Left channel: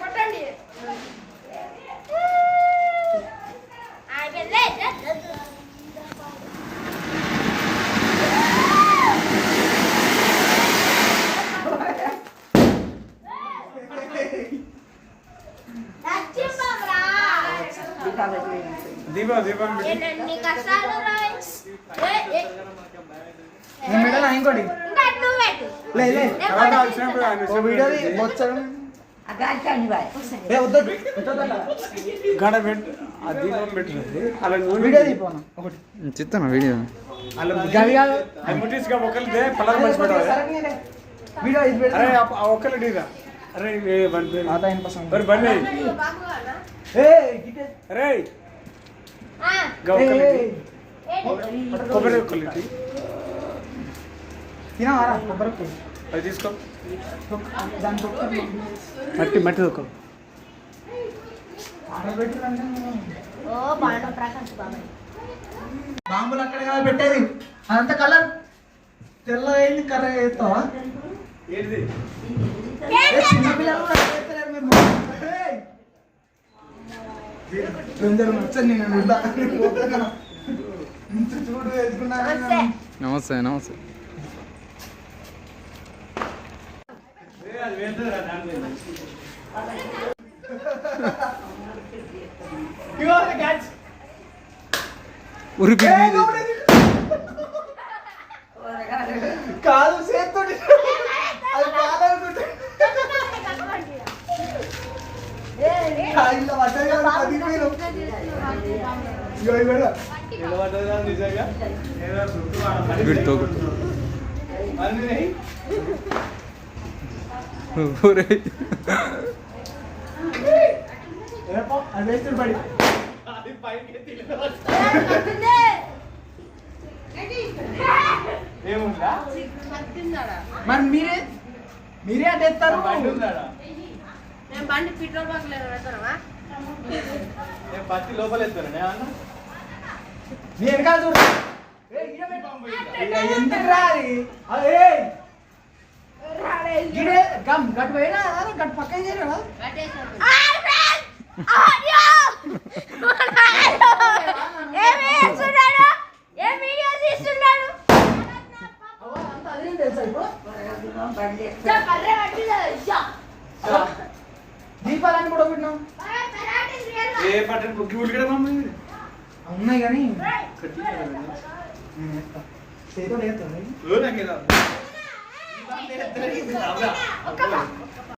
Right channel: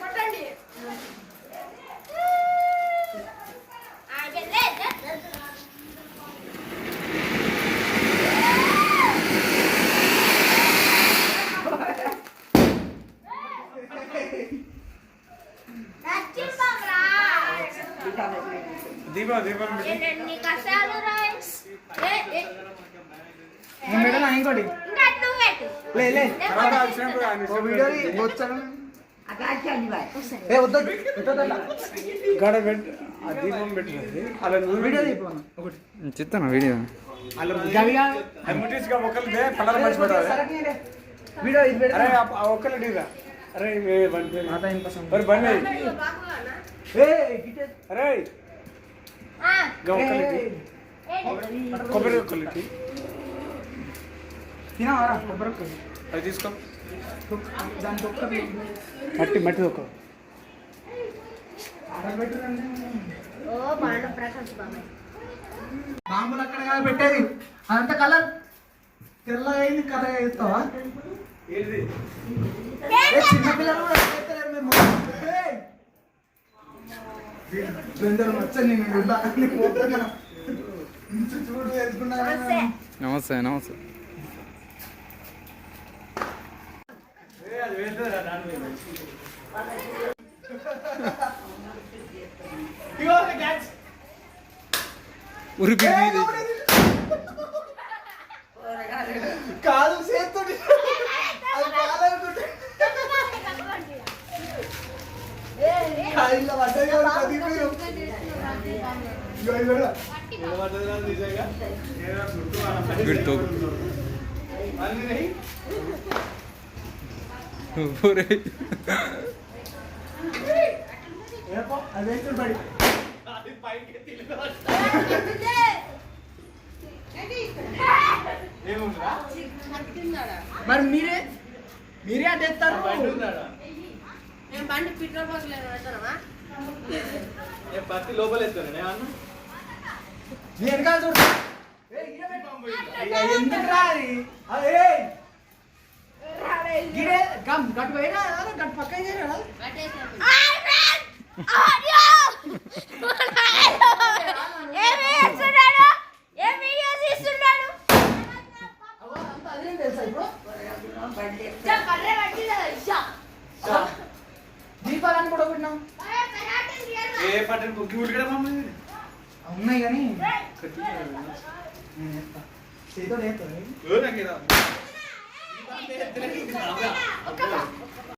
కొట్టండి. దీపం దీపం ఇంకోటి దీపం పెట్టినది అలా చిత్తాను వీడియో అలా ముట్టించుగా ఒకరిదే పళ్ళ మంచి పెట్టాలి. అరే ఒక్కరు డీదా అరే బండి బండి అరే కొబ్బరి ఒక్కటి అది తీసుకో మట్టి మట్టి దొక్క బాంబులు అక్కడ పెట్టేది అదంతా కలర్ తెల్లదైంది కర్ర వేస్తావా చిన్నపిల్లలు వచ్చి చూడు వేసుకున్నా. నమస్తే నమస్తే. ఉరికి కాదు చేతో అది పడి మరి మీరే అడ్డేస్తారు. నేను బండి పెట్రోల్ బంక్ లేదు పెడతానమ్మా. పత్తి లోపల వేస్తాను నేను కాదు గట్టు పోయినా గట్టు పక్కన చేయరా దీపాలన్నీ కూడా పెట్టినాం. ఏ పట్టణ బుక్కి ఉడికడా ఉన్నాయి కానీ చేతో ఒక్క